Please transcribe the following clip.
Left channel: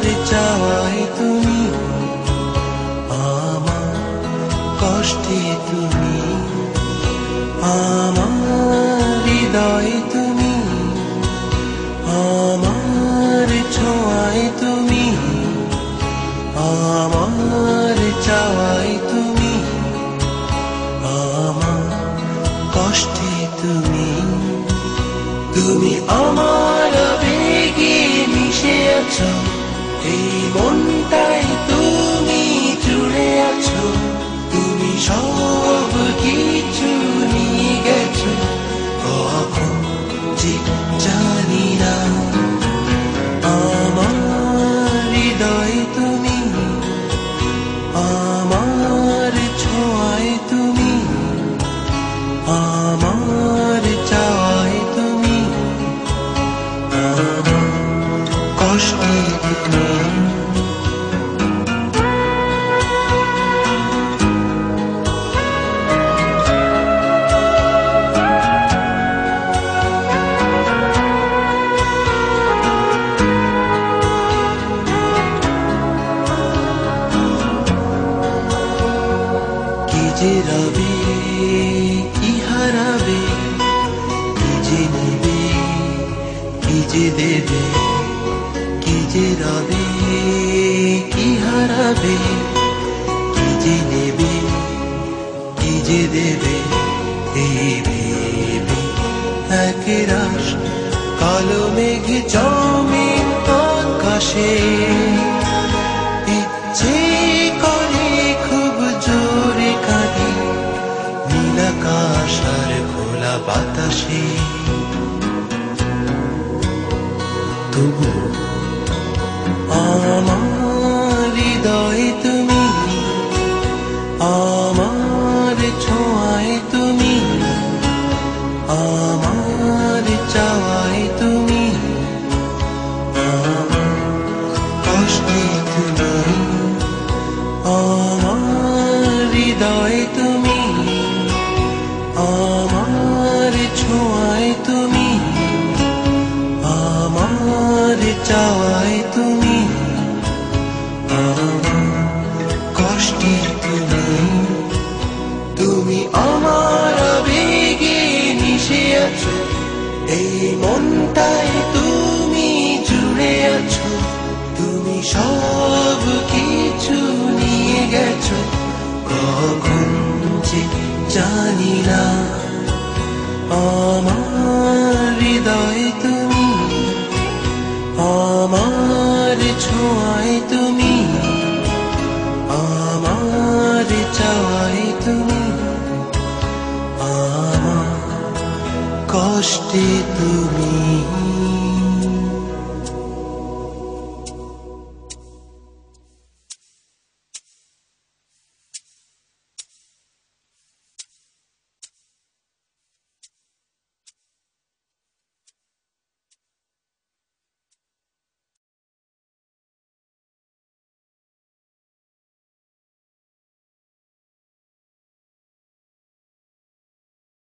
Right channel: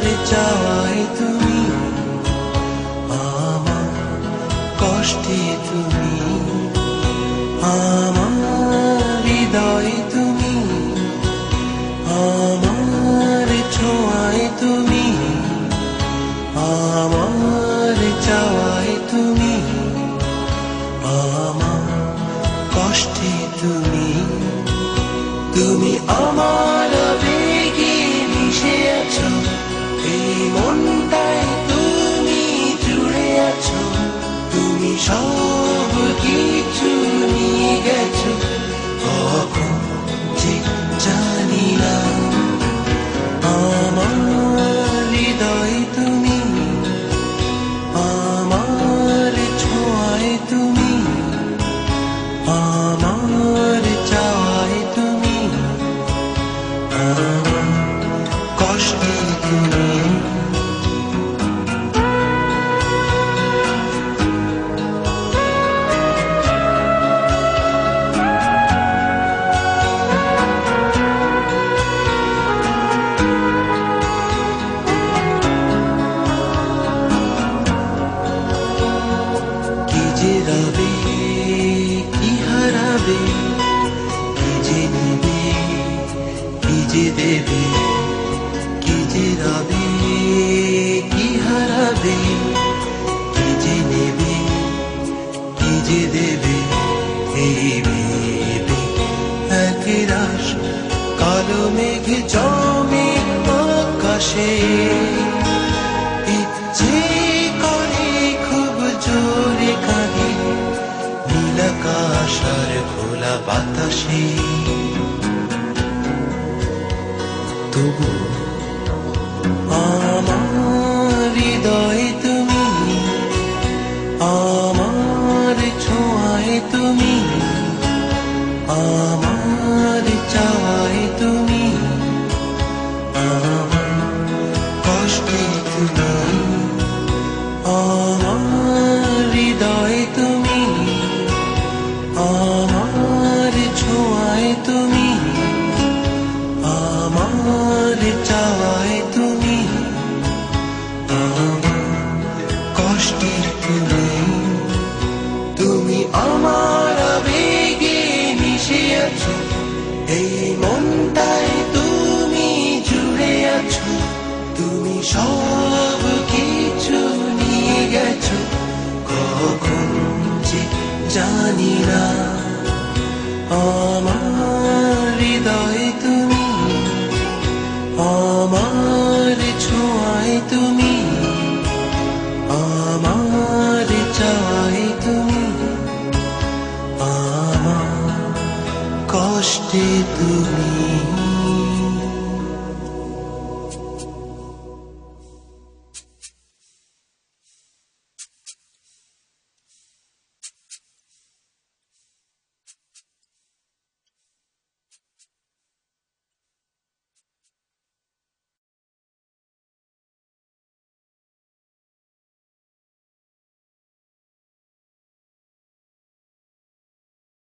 আমার চাওয়ায় তুমি, আমার কষ্টে তুমি, আমার হৃদয়ে তুমি, আমার ছোঁয়ায় তুমি, আমার চাওয়ায় তুমি, আমার কষ্টে তুমি। তুমি আমার আবেগে মিশে আছো, এই মনটায় তুমি জুড়ে আছো। তুমি সব কিছু নিয়ে গেছো, কখন যে জানি না। আমার হৃদয়ে তুমি, আমার ছোঁয়ায় তুমি, আমার চাওয়ায় তুমি, আমার কষ্টে তুমি। কি যে রবে, কি হারাবে, কি যে নেবে, কি যে দেবে, কি যে রবে, কি হারাবে, কি যে নেবে, কি যে দেবে। এই ভেবে এক রাশ কালো মেঘ জমে আকাশে, ইচ্ছে করে খুব জোরে কাঁদি নীলাকাশ আর খোলা বাতাসে। তবু আমার হৃদয়ে তুমি, আমার ছোঁয়ায় তুমি, আমার চাওয়ায় তুমি, আমার কষ্টে তুমি, আমার হৃদয়ে তুমি, আমার ছোঁয়ায় তুমি, আমার চাওয়ায় তুমি, আমার কষ্টে তুমি। তুমি আমার আবেগে মিশে আছো, এই মনটায় তুমি জুড়ে আছো। তুমি সব কিছু নিয়ে গেছো, কখন যে জানি না। আমার হৃদয়ে তুমি, আমার ছোঁয়ায় তুমি, আমার চাওয়ায় তুমি, আমার কষ্টে তুমি।